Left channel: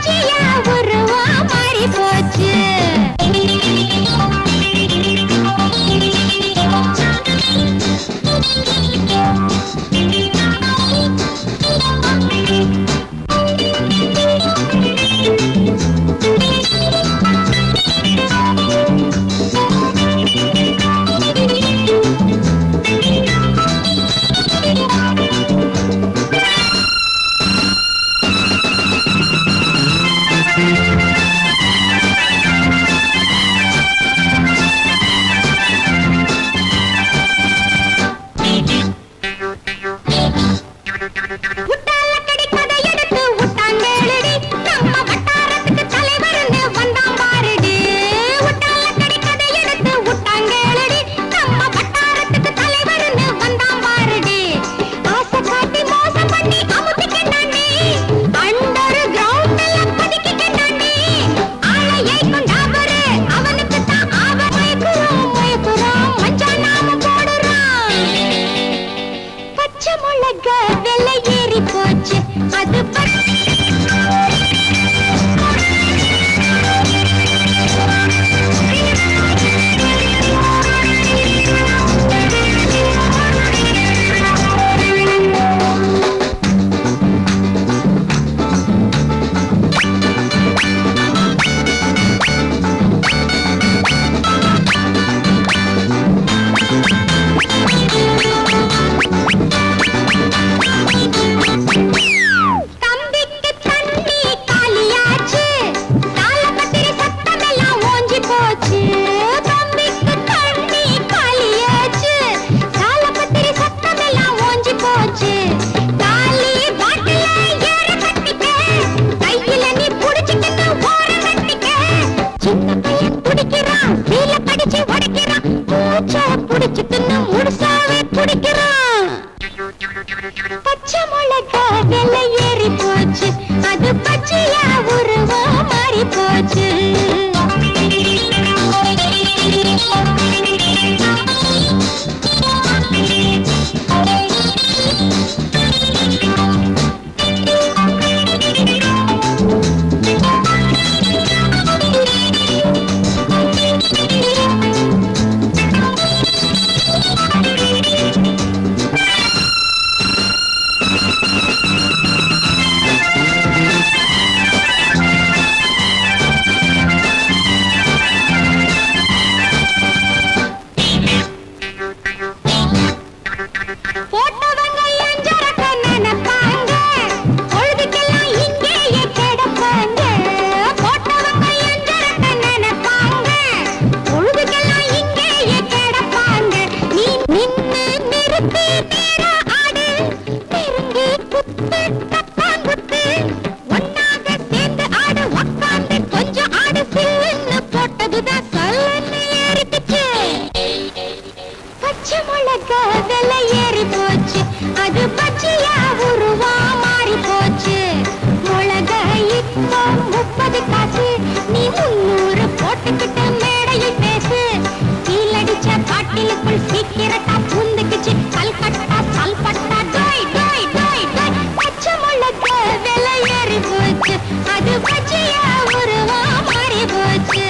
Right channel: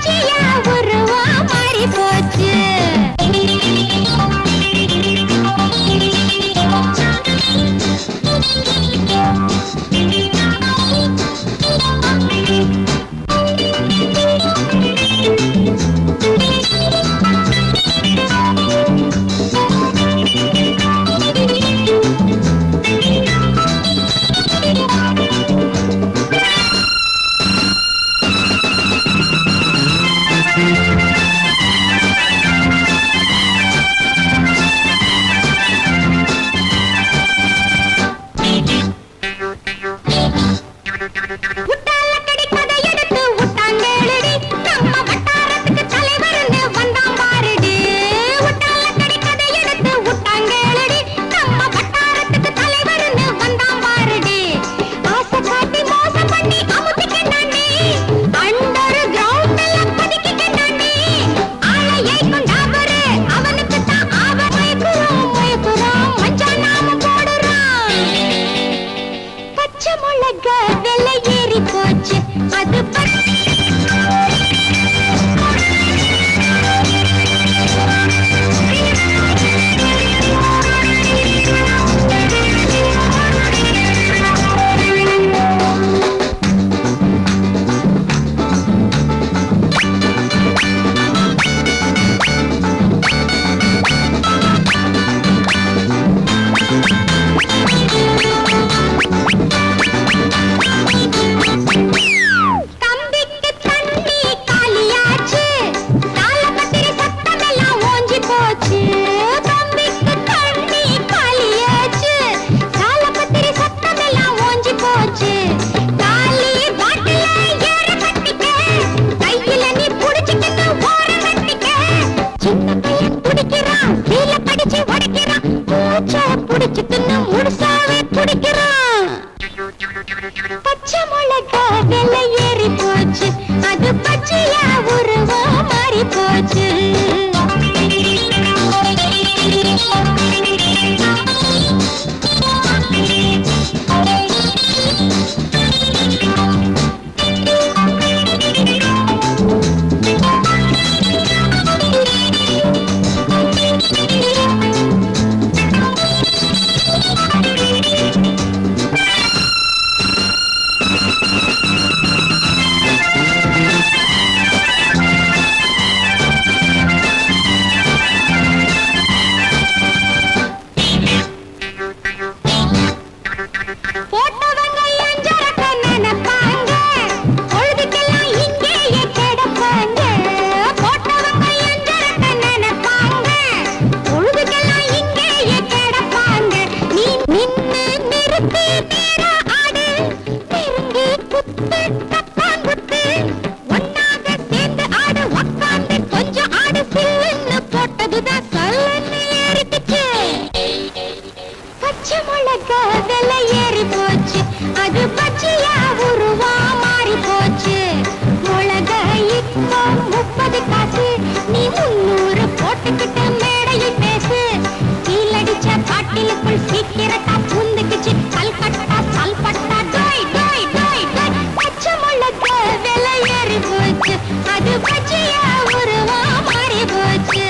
பச்சையா உருவா மாறி போச்சு. பச்சை மிளகா விலை ஏறி போச்சு. அது பச்சையா உருவா மாறி போச்சு. பச்சை மிளகா விலை ஏறி போச்சு. அது பச்சையா உருவா மாறி போச்சு. மிளகா இப்போ 30 காசு. நீ 300 போட்டுக்கிட்ட மேடையில் பேசு. கீழடிச்ச பாட்டிலுக்குள் சீக்கிரட்டா புந்துக்குச்சு. கல்கட்டா சல்பட்டா டோய் டோய் டோய் டோய். பச்சை மிளகா விலை ஏறி போச்சு. அது பச்சையா உருவா மாறி போச்சு.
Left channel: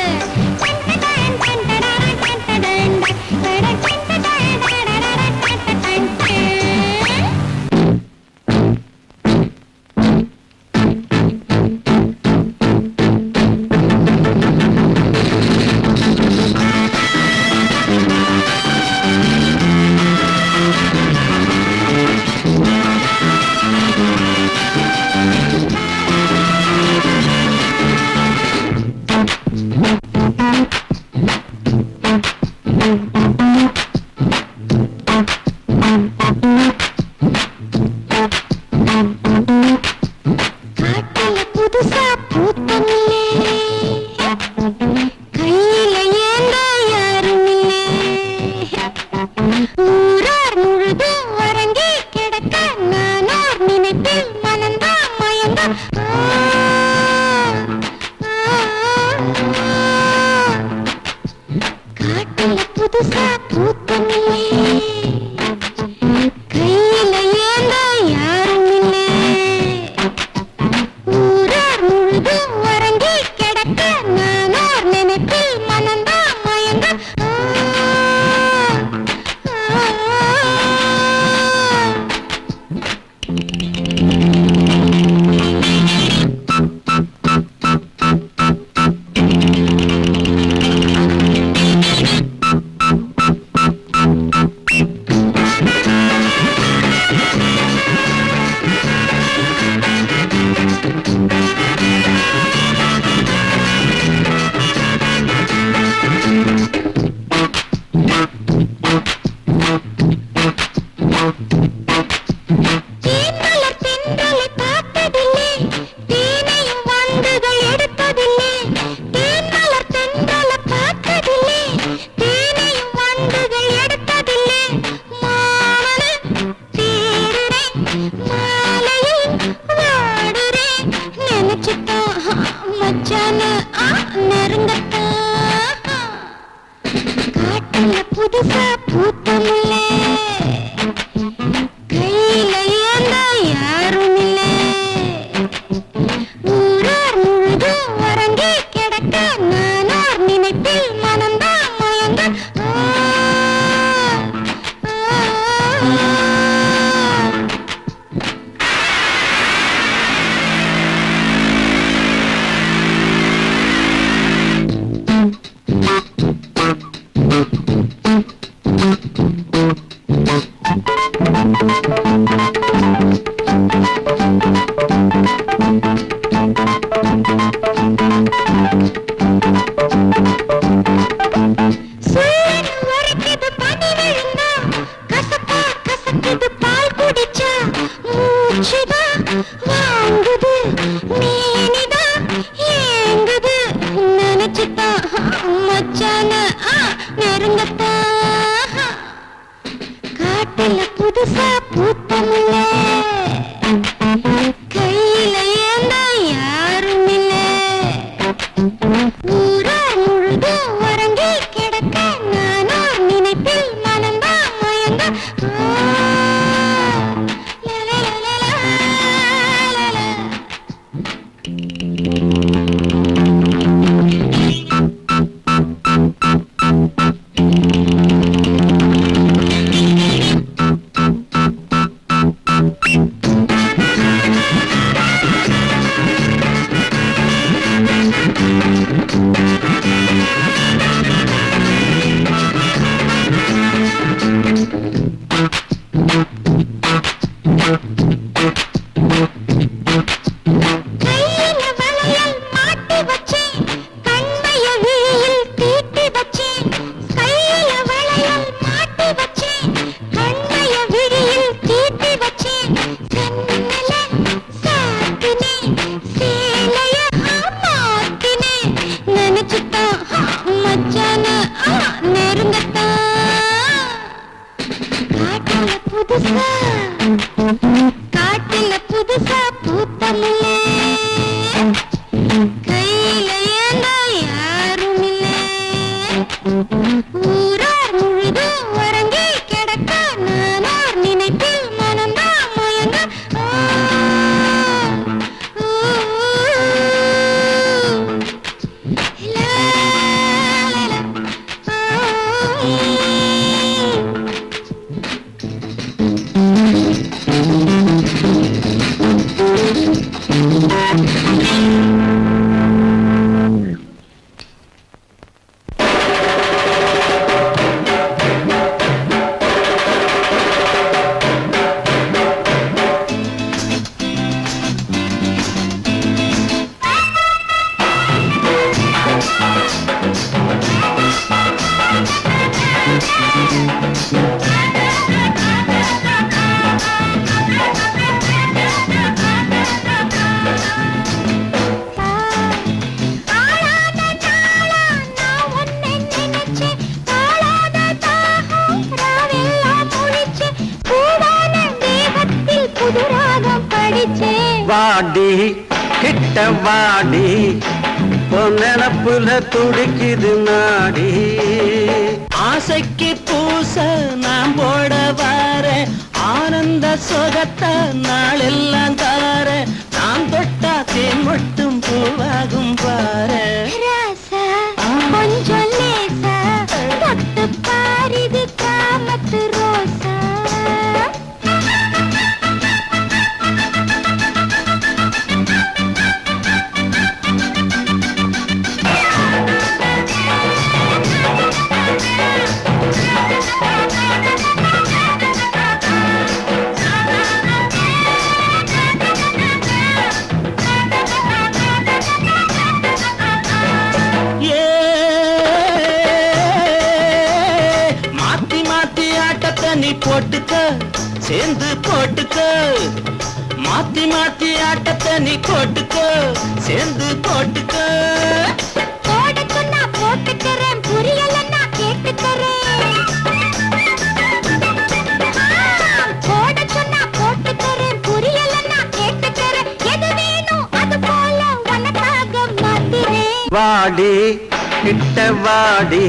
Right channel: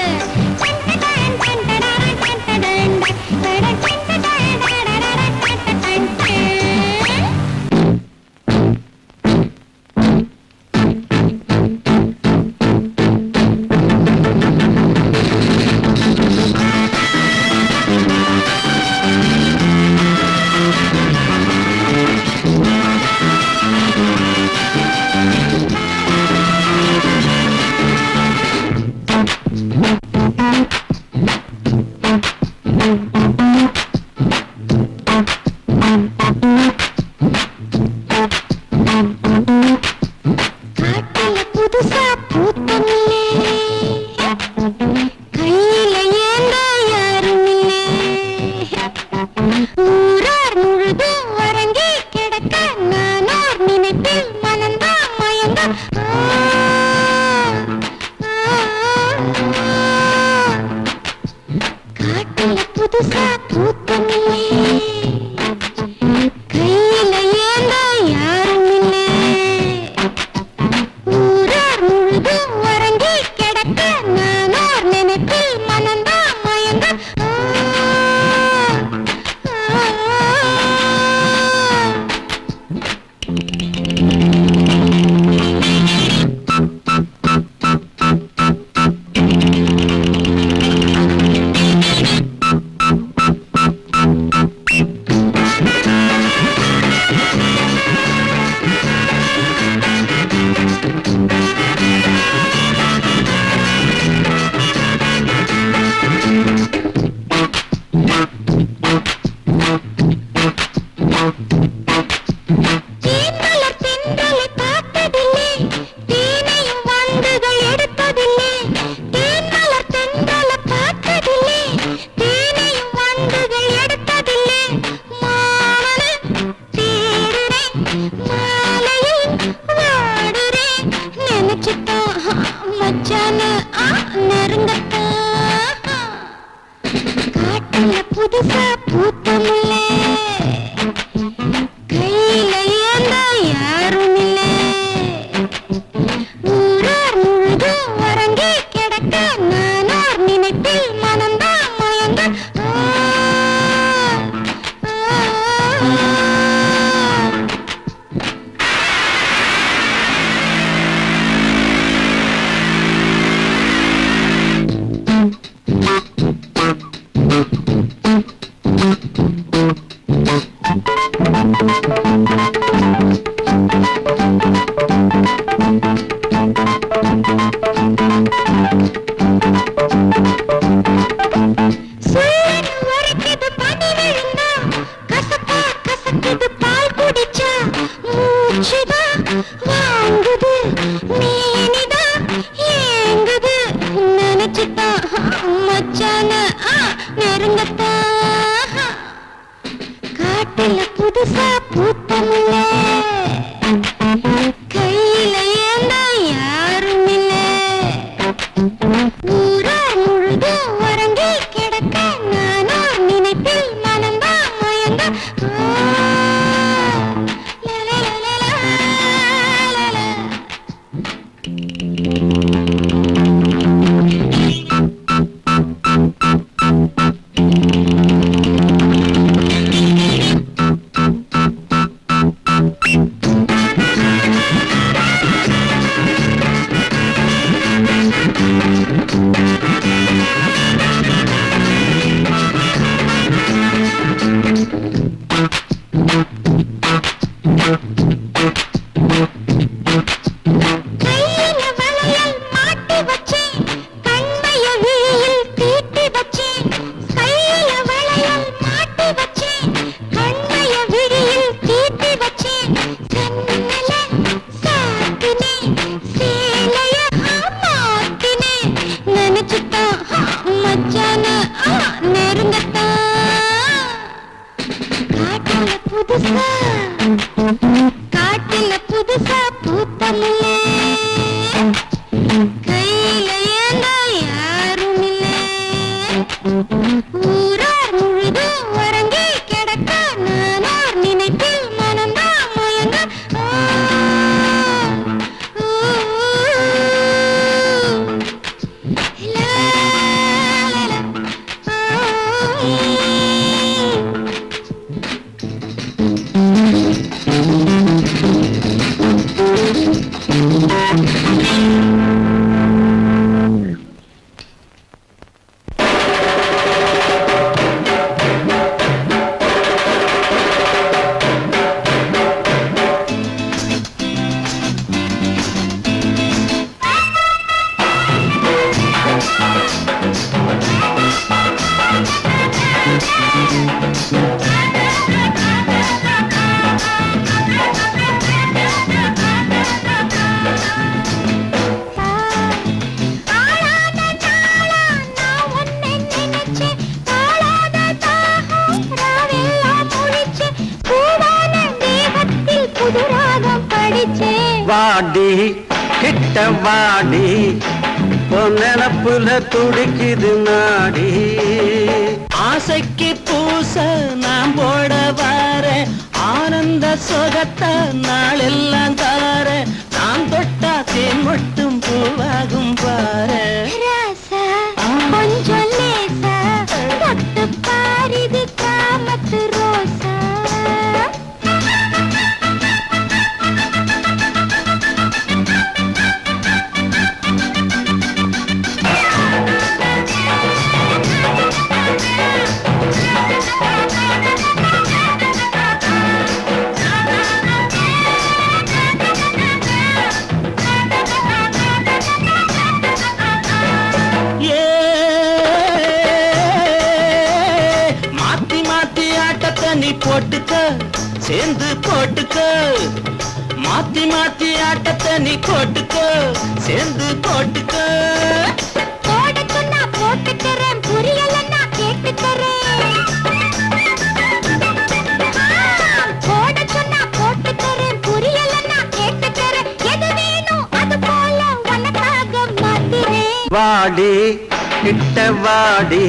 புதுசா பூத்தல்ல கையில ஏந்த யாரும் இல்ல ஊரா முழுதும் வரங்கி கிடக்க நானோ நினைப்பில் மனந்தா மயந்த காட்டில புதுசா பூத்தல்ல கையில ஏந்தா யாரும் இல்ல ஊரா முழுதும் வரங்கி கிடக்க நானோ நினைப்பில் மனந்தா மயந்த வாடி கிட்ட வாடி நினப்புல துடிக்குது நாடி ஆசைக்கு பூச நான் போட வர ஆனந்த சுகத்தை நாளெல்லாம் தார நான் தொட்டா தேன் மட்டும் பூவாகும் பாரு கொஞ்சம் லேசா தொட்டு பாரிது காமத்து ரோசா நீ போட்டுக்க சேர்ந்து போட்டுக்க மாத்தி மாத்தி ஆட்டத்தை நீ போட்டுக்க சேர்ந்து போட்டுக்க போடுக்கு நான் போட்டுக்கிறேன் புரியலன்னா கேட்டுக்கிறேன் போடுக்கு நான் போட்டுக்கிறேன் புரியலன்னா கேட்டுக்கிறேன் எது வேணும் அது போல உனக்காக மாத்துறேன் வாடி கிட்ட வாடி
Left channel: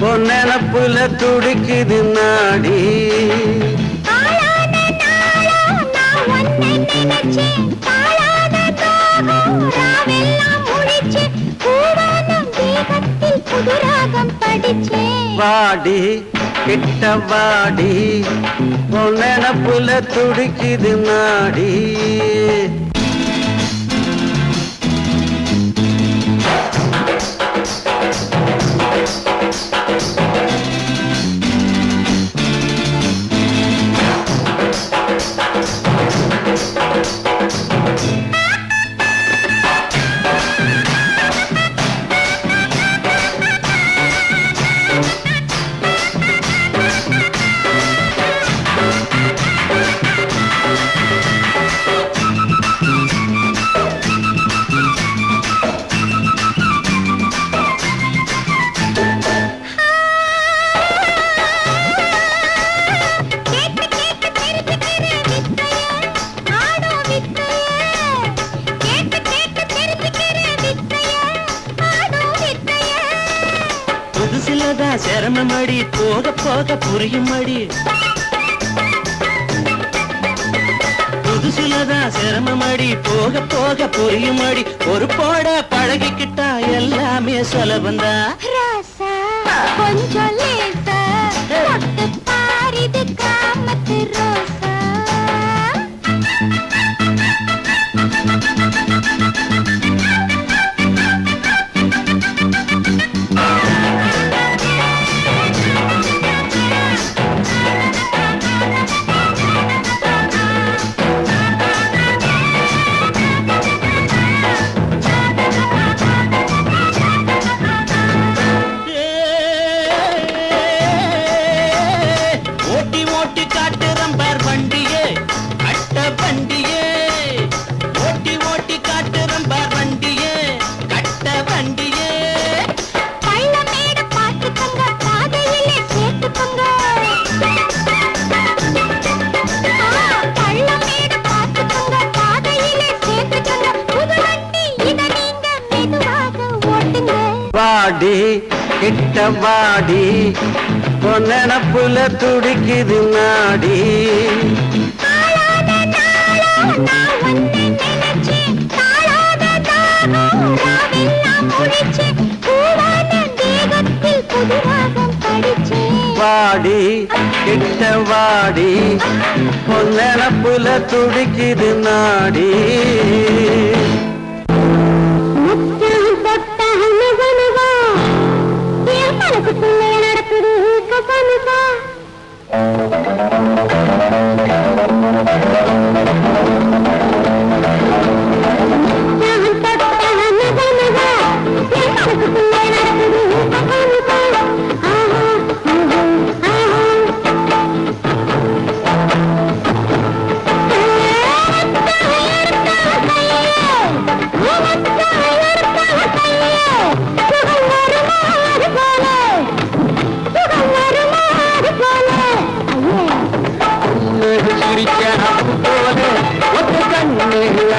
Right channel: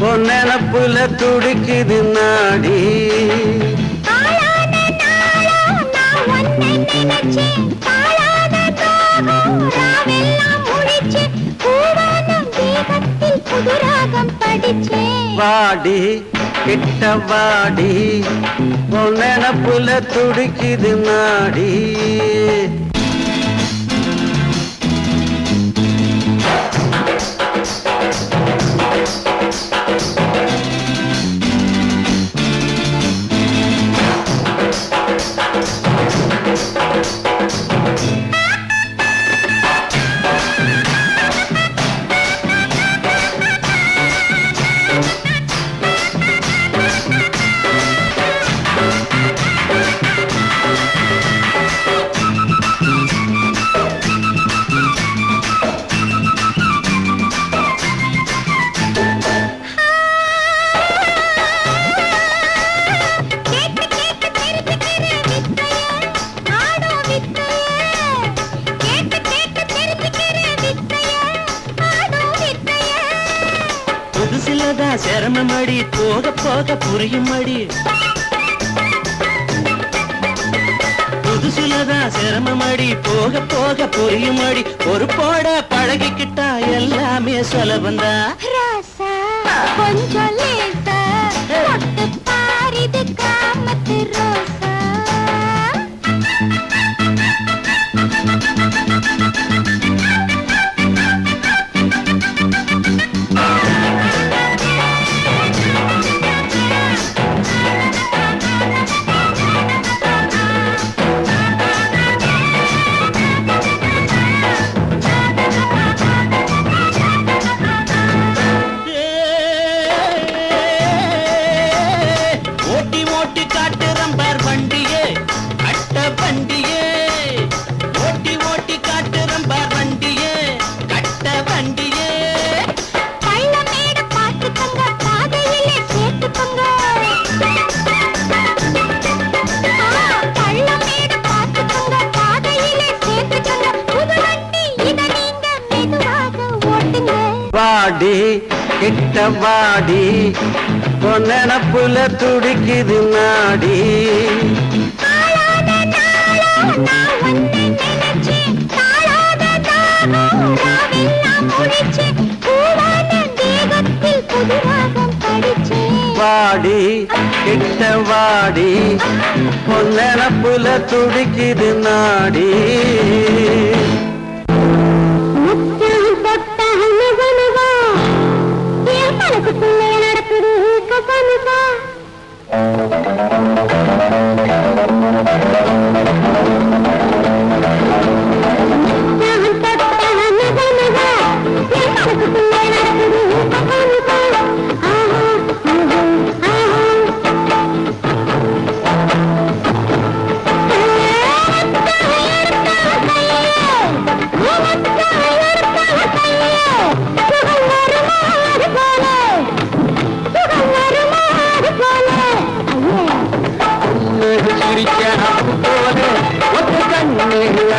பொன்னப்புல துடிக்குது நாடி வாடி கிட்ட வாடி பொன்னப்புல துடிக்குது நாடி புதுசுலதான் சிரமமடி போக போக புரியும் அடி புதுசுலதான் சிரமமடி போக போக புரியும் அடி ஒரு போட பழகிக்கிட்டா எல்லாமே சுலபந்தா ராசா கொஞ்சம் லேட்டா தொட்டு பாரிது காமத்து ரோசா கிட்டவாடி பொன்னப்புல துடிக்குது நாடி வாடி கிட்டவாடி பொன்னப்புல துடிக்குது நாடி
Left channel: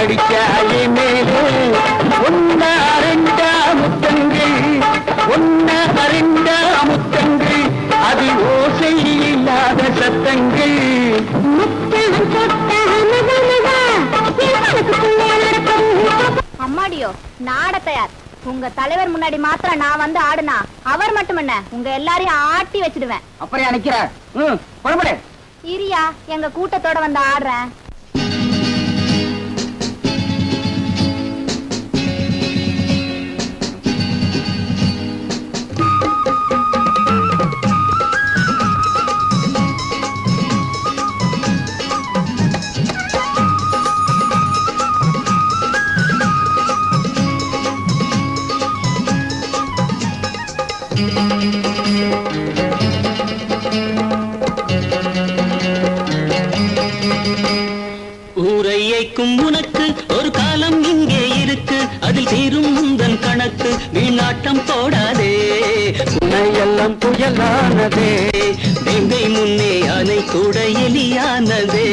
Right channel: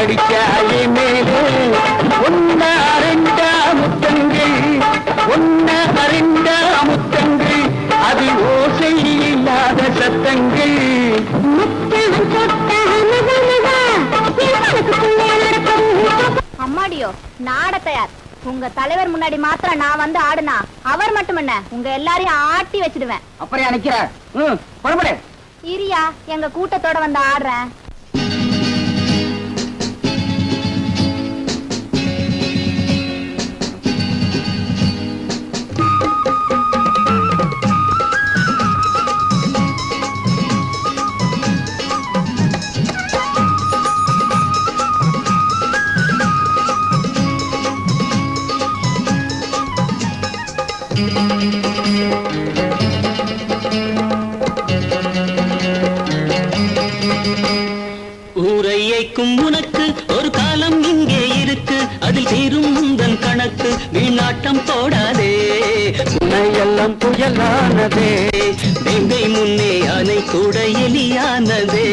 அடிச்சாலே மேலே ஒன்ன அரண்டா முத்தங்கள் அது ஓசை இல்லாத சத்தங்கள் அம்மாடியோ நாட தயார் உங்க தலைவர் முன்னாடி மாத்திரம் நான் வந்து ஆடுனா அவர் மட்டும் என்ன உங்க எல்லாரையும் ஆட்டி வச்சிடுவேன் அப்படியே நினைக்கிறார் புறப்படு இரியா எங்க கூட்டத்தோட வந்து ஆடுறேன் உனக்கு ஒரு காலம் இங்கே இருக்கு அதில் தீரும் முந்தன் கணக்கு வீணாட்டம் போடாதே எல்லாம் புயலானதே வேங்கை முன்னே அதை கூட எலியானதே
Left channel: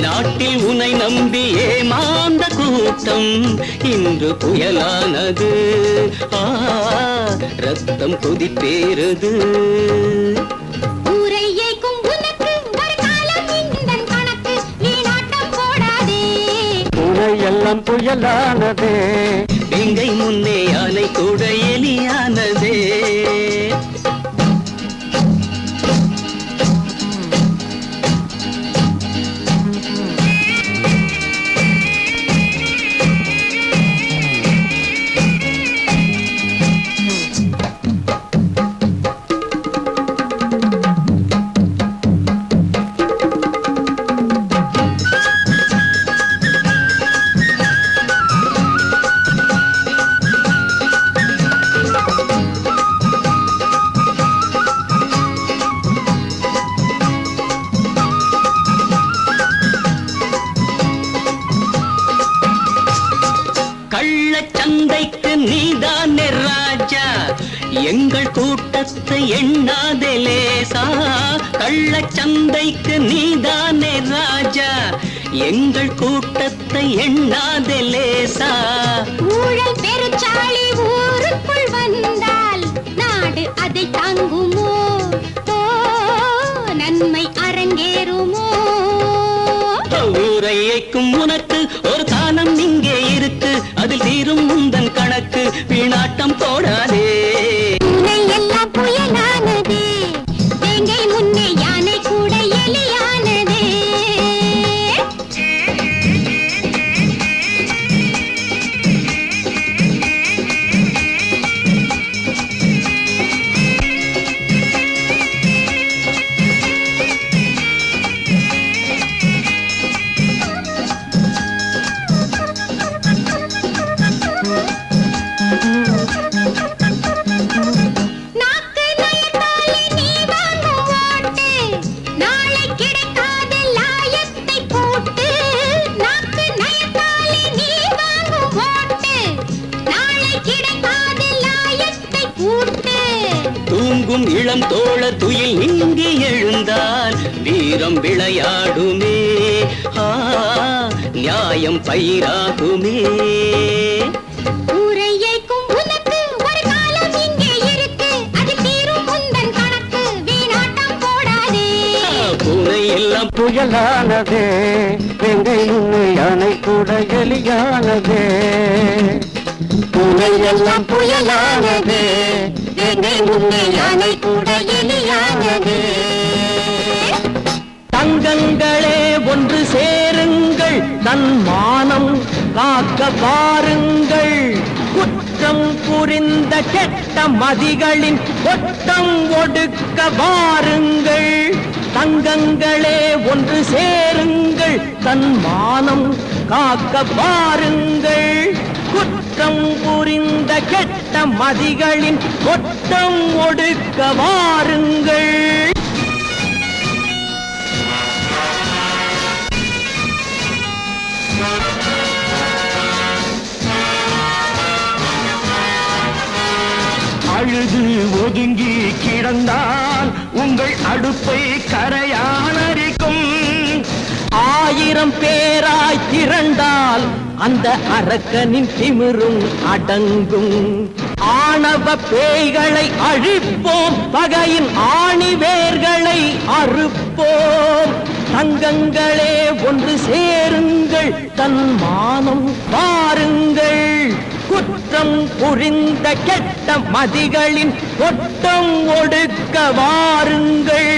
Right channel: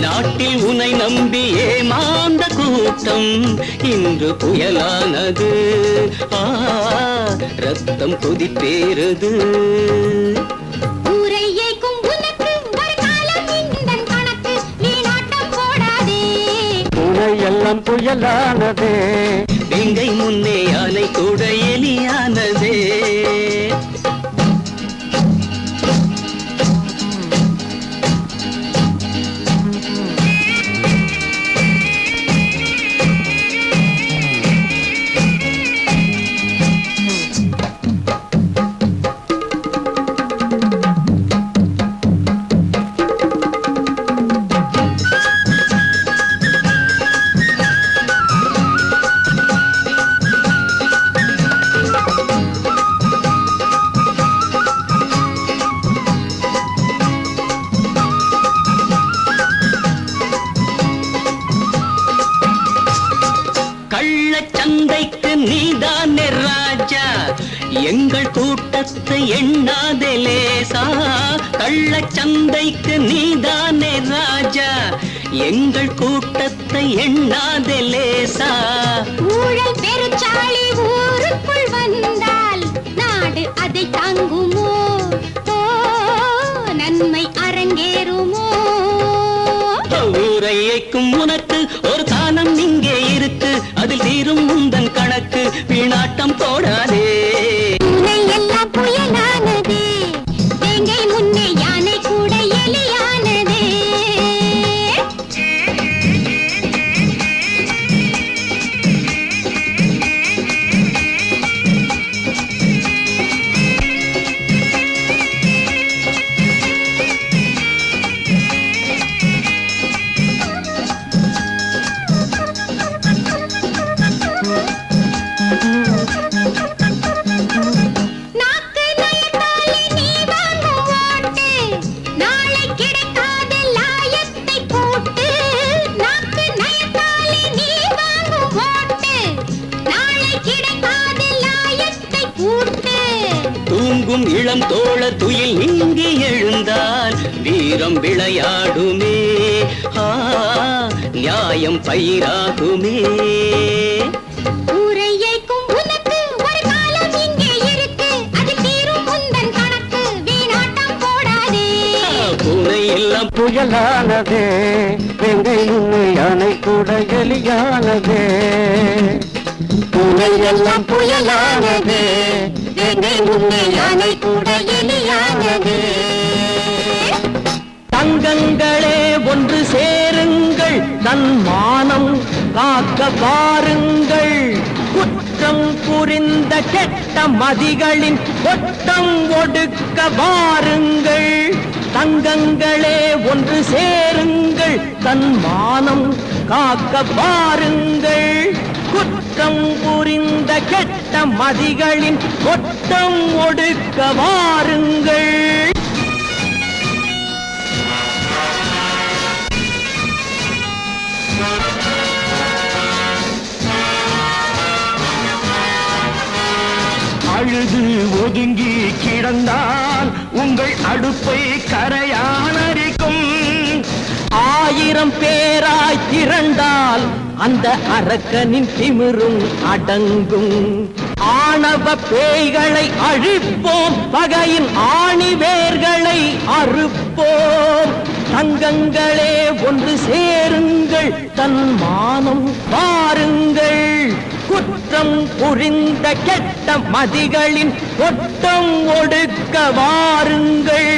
நாட்டில் உன்னை நம்பி ஏமாந்த கூட்டம் இன்று புயலானது ரத்தம் கொதிப்பேறது எல்லாம் புயலானது வேங்கை முன்னே அதை கூட எலியானதே கூட்டத்தை எண்ணாதே லேசா, கள்ளச்சந்தைக்கு நீதானே ராஜா. எங்கள் கூட்டத்தை எண்ணாதே லேசா. ஊழல் பெருச்சாளி ஊருக்குள் வந்தால் நாடு அதை தாங்குமோ? நன்மை அரங்கேறுமோ? ஊரையைக்கும் உனக்கு ஒரு தானம் இங்கே இருக்கு, அதில் தீரும் முந்தன் கணக்கு. வீணாட்டம் போடாதே. எல்லாம் புயலானதே, வேங்கை முன்னே யானை கூட எலியானதே. தூங்கும் இளம் தோழர் துயில் நீங்கி எழுந்தால் வீரம் விளையாடுமே, நியாயம் பயிராகுமே. ஊரையைக்கும் உனக்கு ஒரு காலம் இங்கே இருக்கு, அது தீரும் முந்தன் கணக்கு. வீணாட்டம் போடாதே. பூனை எல்லாம் புயலானதே, எங்கை முன்னே யானை கூட எலியானதே. எல்லாம் புயலானதே, எங்கை முன்னே யானை கூட எலியானதே. தங்கங்களே ஒன்று சேருங்கள், தன் மானம் காக்க வாருங்கள். குற்றம் புரிந்த கெட்ட மதிகளின் கொட்டம் ஒடுக்க வாருங்கள். தங்கங்களே ஒன்று சேருங்கள், தன் மானம் காக்க வாருங்கள். குற்றம் புரிந்த கெட்ட மதிகளின் கொட்டம் ஒடுக்க வாருங்கள். அழுது ஒதுங்கி கிடந்தால் உங்கள் அடுப்பை கரையானரிக்கும். 1000 பேராய் திரண்டால் அந்த அரக்கனின் திமிரும் அடங்கும். ஆணவ பேய்களை அழிப்போம், பகையின் ஆணிவேர்களை அறுப்போம். தங்கங்களே ஒன்று சேருங்கள், தன் மானம் பாருங்கள். குற்றம் புரிந்த கெட்ட மதிகளின் கொட்டம் ஒடுக்க வாருங்கள்.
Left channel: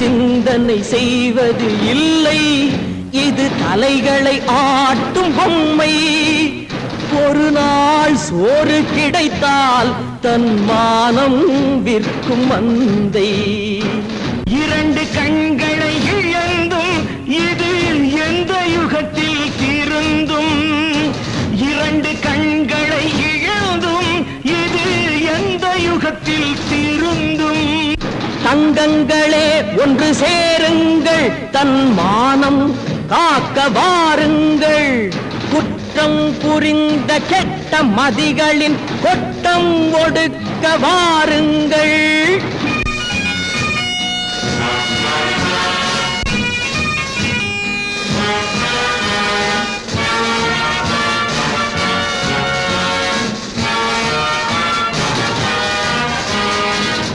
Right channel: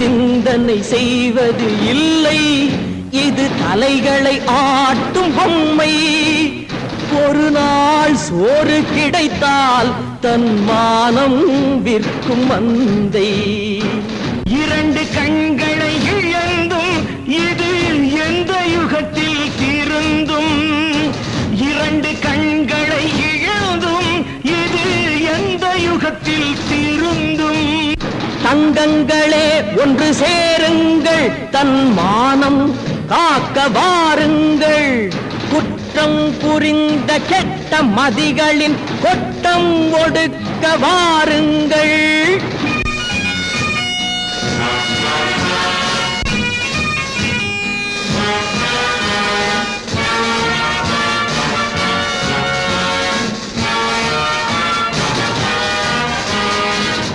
சிந்தனை செய்வது இல்லை, இது தலைகளை ஆட்டும் பொம்மை. ஒரு நாள் சோறு கிடைத்தால் தன் மானம் விற்கும் மந்தை. 2 கண்களை இழந்தும் இது எந்த யுகத்தில் திருந்தும். 2 கண்களை இழந்தும் இது எந்த யுகத்தில் திருந்தும். தங்கங்களே ஒன்று சேருங்கள், தன் மானம் காக்க வாருங்கள். குற்றம் புரிந்த கெட்ட மதிகளின் கொட்டம் ஒடுக்க வாருங்கள்.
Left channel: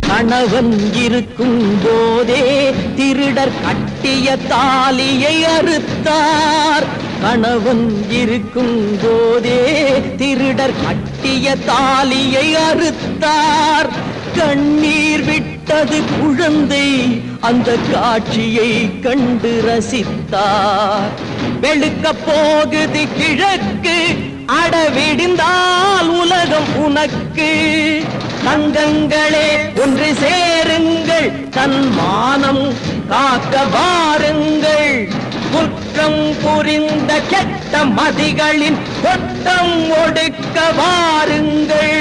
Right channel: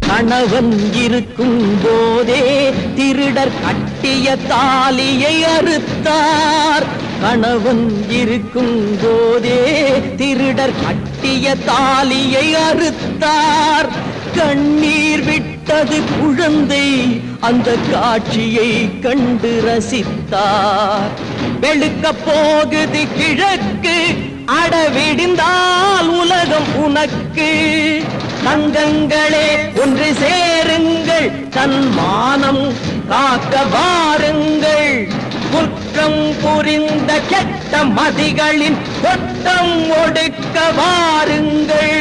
கணவன் இருக்கும் போதே திருடர் கட்டிய தாலியை அறுத்தார். கணவன் இருக்கும் போதே திருடர் கட்டிய தாலியை அறுத்தார். கண்ணீர் விட்டது குழந்தை, அந்த காட்சியை கண்டு ரசித்தார். வெளுக்க போகுது கிழக்கு, அடவிடிந்தால் உலகம் உனக்கு. தங்கங்களே ஒன்று சேருங்கள், தன் மானம் காக்க வாருங்கள். குற்றம் புரி புரிந்த கெட்ட மதிகளின் கொட்டம் ஒடுக்க வாருங்கள்